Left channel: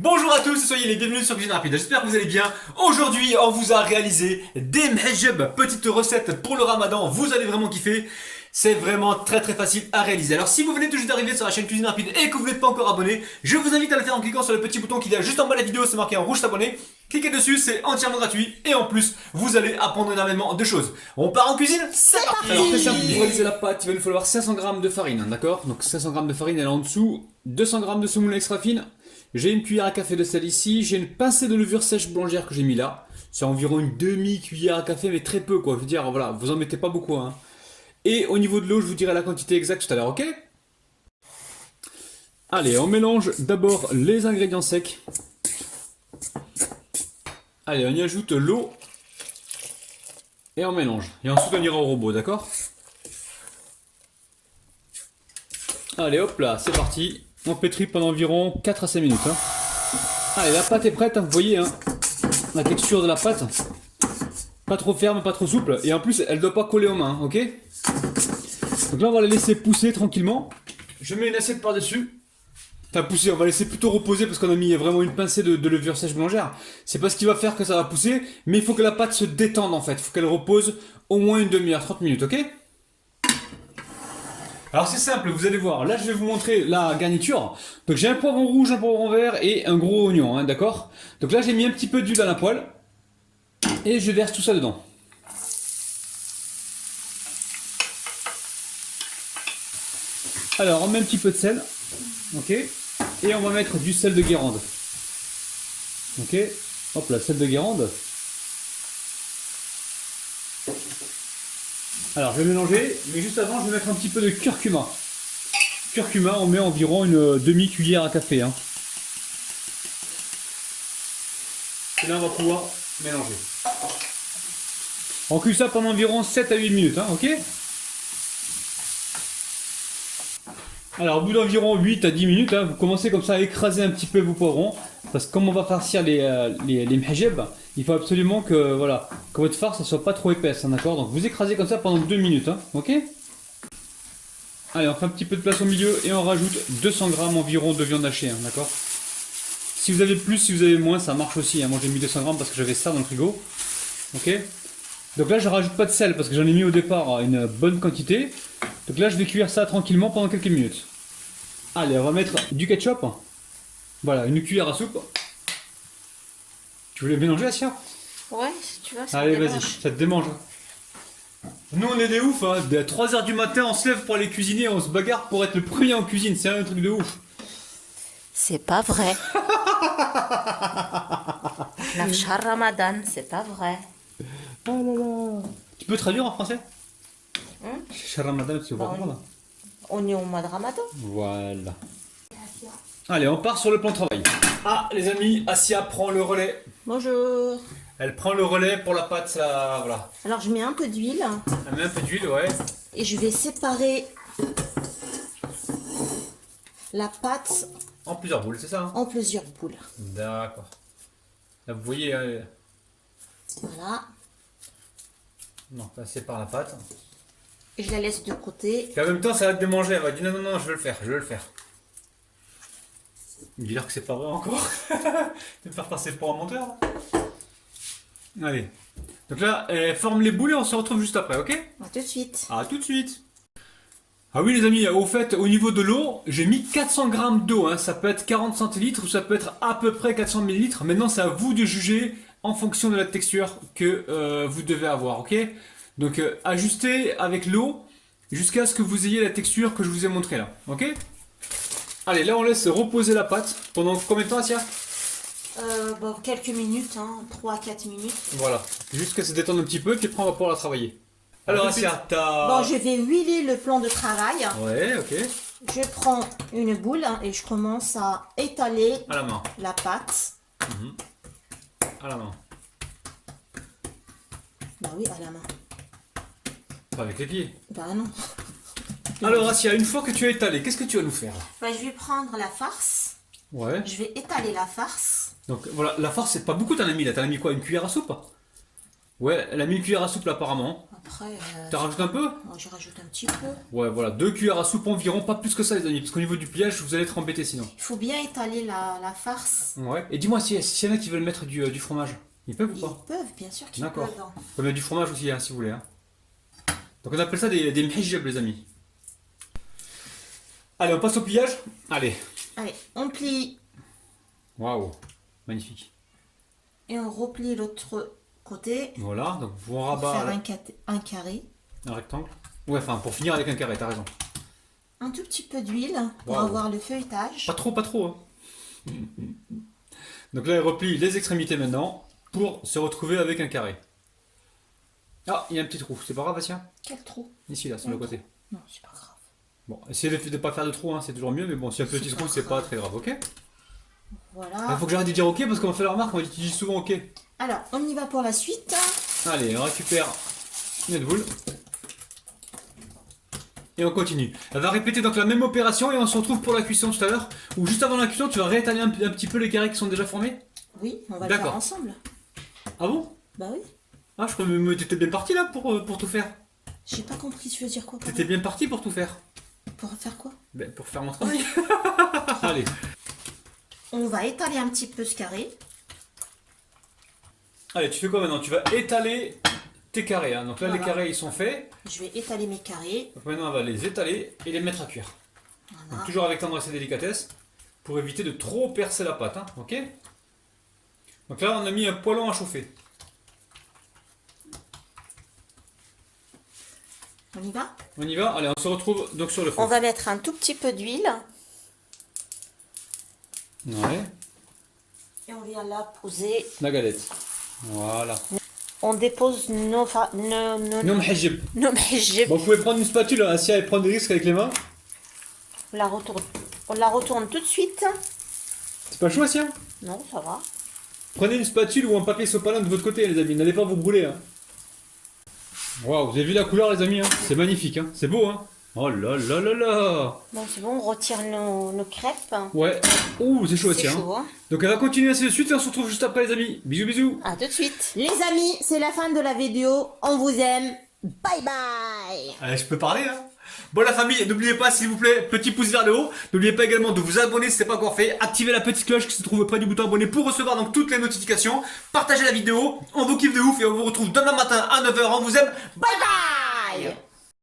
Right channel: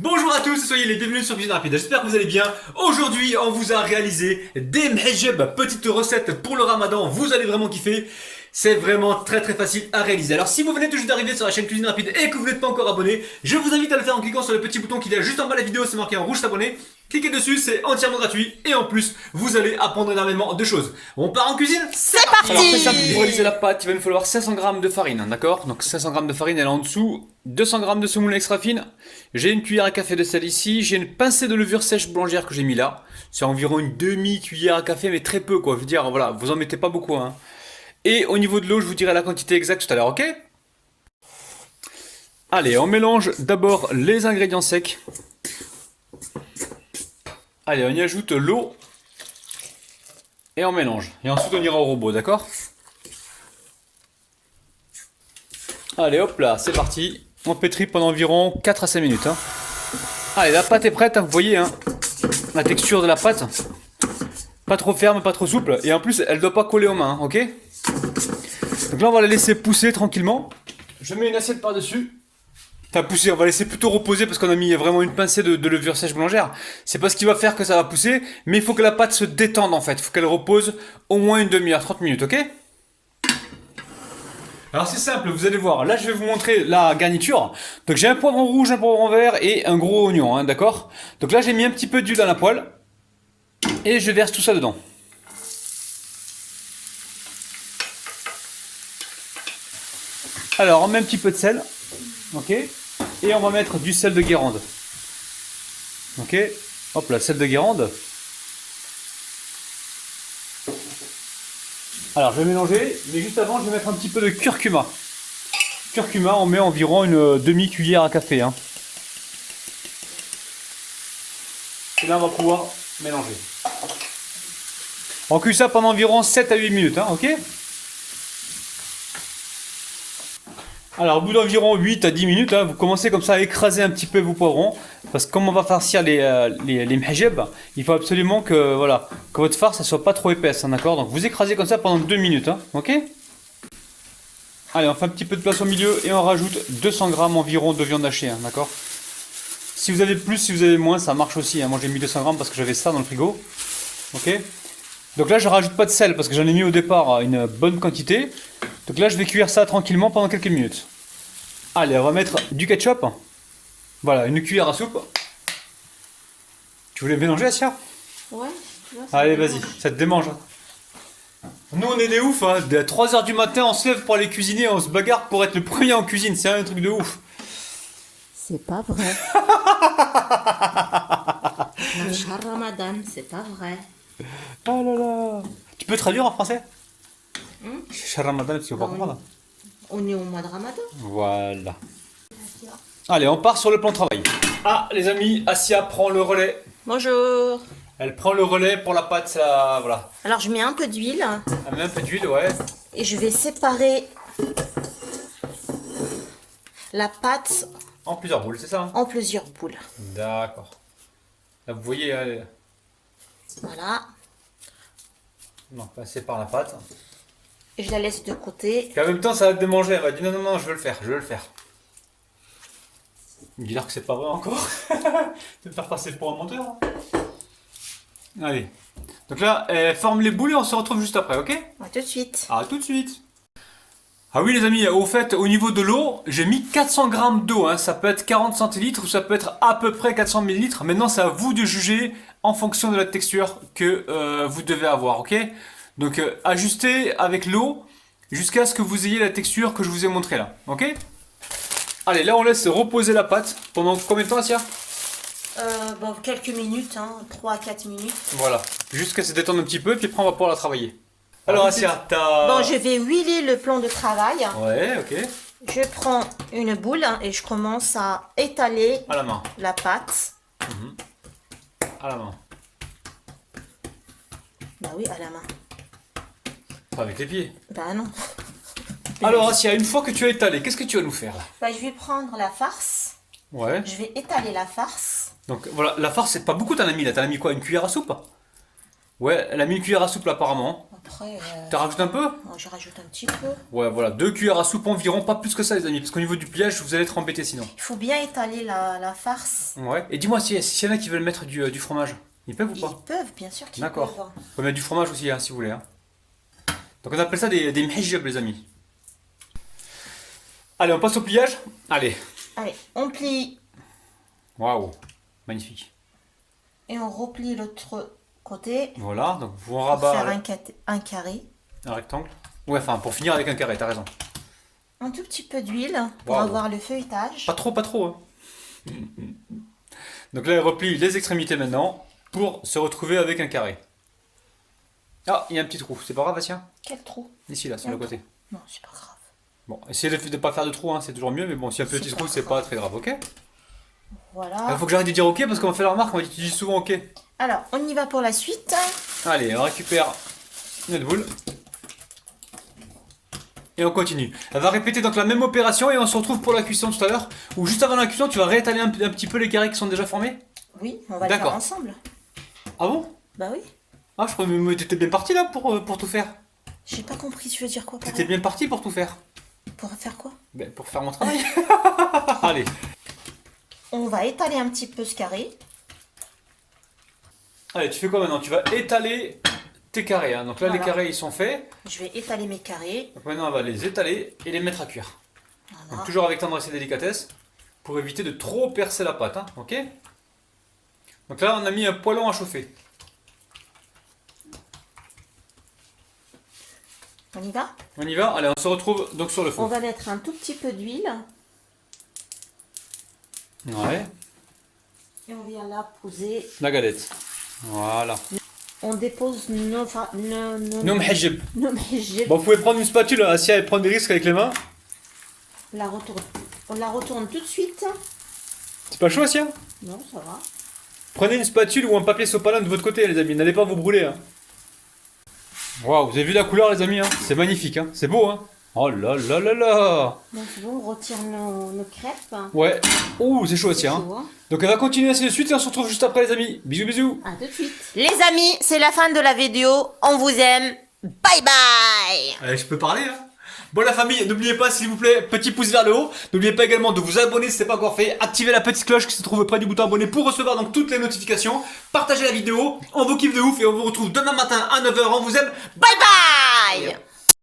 Bonjour à tous, soyez les bienvenus sur Cuisine Rapide, j'espère que vous allez bien. Aujourd'hui, on vous a réalisé des mhejeb, petite recette pour le ramadan, vous allez vraiment kiffer. C'est vraiment très facile à réaliser. Alors si vous venez tout juste d'arriver sur la chaîne Cuisine Rapide et que vous n'êtes pas encore abonné, je vous invite à le faire en cliquant sur le petit bouton qui est juste en bas de la vidéo, c'est marqué en rouge s'abonner. Cliquez dessus, c'est entièrement gratuit et en plus, vous allez apprendre énormément de choses. On part en cuisine? C'est parti. Alors très simple, pour réaliser la pâte, il va nous falloir 500 g de farine, d'accord? Donc 500 g de farine, elle est en dessous, 200 g de semoule extra fine. J'ai une cuillère à café de sel ici, j'ai une pincée de levure sèche boulangère que j'ai mis là. C'est environ une demi-cuillère à café, mais très peu quoi, je veux dire, voilà, vous en mettez pas beaucoup hein. Et au niveau de l'eau, je vous dirai la quantité exacte tout à l'heure, ok? Allez, on mélange d'abord les ingrédients secs. Allez, on y ajoute l'eau. Et on mélange. Et ensuite on ira au robot, d'accord? Allez, hop là, c'est parti. On pétrit pendant environ 4 à 5 minutes. Hein. Allez, la pâte est prête, hein, vous voyez hein, la texture de la pâte. Pas trop ferme, pas trop souple. Et en plus, elle ne doit pas coller aux mains, ok? Donc là, on va la laisser pousser tranquillement. Je mets une assiette par-dessus. Enfin, pousser, on va laisser plutôt reposer parce qu'on a mis vraiment une pincée de levure sèche boulangère. C'est pas ce qui va faire que ça va pousser, mais il faut que la pâte se détende en fait. Il faut qu'elle repose au moins une demi-heure, 30 minutes, ok? Alors c'est simple, vous allez voir, là je vais vous montrer la garniture. Donc j'ai un poivron rouge, un poivron vert et un gros oignon, hein, d'accord? Donc là j'ai mis un petit peu d'huile dans la poêle et je verse tout ça dedans. Alors on met un petit peu de sel, ok? Et on va mettre du sel de Guérande. Ok? Hop là, sel de Guérande. Alors je vais mélanger, mais juste avant je vais mettre un petit peu de curcuma. Curcuma, on met environ une demi-cuillère à café. Hein. Et là on va pouvoir mélanger. On cuit ça pendant environ 7 à 8 minutes, hein, ok? Alors au bout d'environ 8 à 10 minutes, hein, vous commencez comme ça à écraser un petit peu vos poivrons. Parce que comme on va farcir les mhejeb, il faut absolument que, voilà, que votre farce ne soit pas trop épaisse, hein, d'accord? Donc vous écrasez comme ça pendant 2 minutes, hein, ok? Allez, on fait un petit peu de place au milieu et on rajoute 200 g environ de viande hachée, hein, d'accord? Si vous avez plus, si vous avez moins, ça marche aussi. Hein. Moi j'ai mis 200 g parce que j'avais ça dans le frigo, ok? Donc là je rajoute pas de sel parce que j'en ai mis au départ une bonne quantité. Donc là je vais cuire ça tranquillement pendant quelques minutes. Allez, on va mettre du ketchup. Voilà, une cuillère à soupe. Tu voulais mélanger, Asia? Ouais, si tu veux. Allez, vas-y, ça te démange. Nous, on est des ouf, hein. À 3h du matin, on se lève pour aller cuisiner, on se bagarre pour être le premier en cuisine. C'est un truc de ouf. C'est pas vrai. L'Afshar Ramadan, c'est pas vrai. Oh là là. Tu peux traduire en français? Shah Ramadan, tu vas pas comprendre. On est au mois de Ramadan. Voilà. Allez, on part sur le plan de travail. Ah, les amis, Asia prend le relais. Bonjour. Elle prend le relais pour la pâte, ça, voilà. Alors je mets un peu d'huile Elle met un peu d'huile, ouais. et je vais séparer la pâte En plusieurs boules, c'est ça hein? en plusieurs boules. D'accord. Là, vous voyez, Voilà. non, passer par la pâte. Et je la laisse de côté. Et en même temps, ça va te démanger. Elle va dire non, je veux le faire, je veux le faire. Dis-leur que c'est pas vrai encore. Tu vas me faire passer pour un menteur. Hein. Allez. Donc là, forme les boules et on se retrouve juste après, ok? À tout de suite. À tout de suite. Ah oui les amis, au fait, au niveau de l'eau, j'ai mis 400 g d'eau. Hein. Ça peut être 40 centilitres ou ça peut être à peu près 400 millilitres. Maintenant, c'est à vous de juger en fonction de la texture que vous devez avoir, ok? Donc ajustez avec l'eau jusqu'à ce que vous ayez la texture que je vous ai montré là, ok? Allez, là on laisse reposer la pâte pendant combien de temps, Asia? Bon, quelques minutes, hein, 3 à 4 minutes. Voilà, jusqu'à se détendre un petit peu, puis après on va pouvoir la travailler. Alors Asia, t'as... Bon, je vais huiler le plan de travail. Ouais, ok. Je prends une boule et je commence à étaler À la main. la pâte. À la main. Bah oui, à la main. Pas avec les pieds. Bah non. Alors Asia, une fois que tu as étalé, qu'est-ce que tu vas nous faire là? Bah, je vais prendre la farce. Ouais. Je vais étaler la farce. Donc voilà, la farce c'est pas beaucoup t'en as mis là, t'en as mis quoi? Une cuillère à soupe? Ouais, elle a mis une cuillère à soupe là, apparemment. Après, T'as rajouté un peu? moi, je rajoute un petit peu. Ouais, voilà, 2 cuillères à soupe environ, pas plus que ça les amis, parce qu'au niveau du pliage, vous allez être embêtés sinon. Il faut bien étaler la farce. Ouais. Et dis-moi, s'il y en a qui veulent mettre du fromage, ils peuvent ou Ils pas? peuvent, bien sûr qu'ils D'accord. peuvent. On peut mettre du fromage aussi, hein, si vous voulez. Hein. Donc on appelle ça des mhijab les amis. Allez, on passe au pliage. Allez. Allez, on plie Waouh, magnifique. et on replie l'autre côté Voilà, donc vous en pour faire rabat un carré. un rectangle. Ouais, enfin pour finir avec un carré, t'as raison. Un tout petit peu d'huile pour Waouh. avoir le feuilletage. Pas trop, pas trop. Hein. Donc là, elle replie les extrémités maintenant pour se retrouver avec un carré. Ah, il y a un petit trou. C'est pas grave, Bastien? Quel trou? Ici, là, sur le côté. Non, c'est pas grave. Bon, essayez de ne pas faire de trou, hein, c'est toujours mieux, mais bon, s'il y a un petit C'est trou, pas c'est grave. pas très grave, ok? Voilà. Il faut que j'arrête de dire ok parce qu'on me fait la remarque, on utilise souvent ok. Alors, on y va pour la suite. Allez, on récupère notre boule. Et on continue. Elle va répéter donc la même opération et on se retrouve pour la cuisson tout à l'heure. Ou juste avant la cuisson, tu vas réétaler un petit peu les carrés qui sont déjà formés. Oui, on va le faire D'accord. ensemble. Ah bon? Bah oui. Ah, je crois que t'étais bien parti là pour tout faire. J'ai pas compris, tu veux dire quoi par T'étais là? bien parti pour tout faire. Pour faire quoi? Ben, pour faire mon travail. Allez. On va étaler un petit peu ce carré. Allez, tu fais quoi maintenant? Tu vas étaler tes carrés. Hein. Donc là, Voilà. les carrés ils sont faits. Je vais étaler mes carrés. Donc maintenant, on va les étaler et les mettre à cuire. Donc, Voilà. toujours avec tendresse et délicatesse pour éviter de trop percer la pâte. Hein. Ok? Donc là, on a mis un poêlon à chauffer. On y va? On y va? Allez, on se retrouve donc sur le feu. On va mettre un tout petit peu d'huile. Ouais, Et on vient là poser. la galette. Voilà. On dépose nos Non, mhijab. mhijab. Bon, vous pouvez prendre une spatule, Assia, et prendre des risques avec les mains. On la retourne tout de suite. C'est pas chaud, Assia? Non, ça va. Prenez une spatule ou un papier sopalin de votre côté, les amis. N'allez pas vous brûler. Hein. Waouh, vous avez vu la couleur, les amis? Hein, c'est magnifique. Hein. C'est beau, hein? Oh là là là là! Bon, c'est bon, on retire nos crêpes. Ouais. Ouh, c'est chaud aussi. C'est Hein. chaud, hein. Donc, elle va continuer ainsi de suite et on se retrouve juste après, les amis. Bisous, bisous. À tout de suite. Les amis, c'est la fin de la vidéo. On vous aime. Bye bye. Allez, je peux parler, hein? Bon, la famille, n'oubliez pas, s'il vous plaît, petit pouce vers le haut. N'oubliez pas également de vous abonner si ce n'est pas encore fait. Activez la petite cloche qui se trouve près du bouton abonné pour recevoir donc toutes les notifications. Partagez la vidéo. On vous kiffe de ouf et on vous retrouve demain matin à 9 h. On vous aime. Bye bye!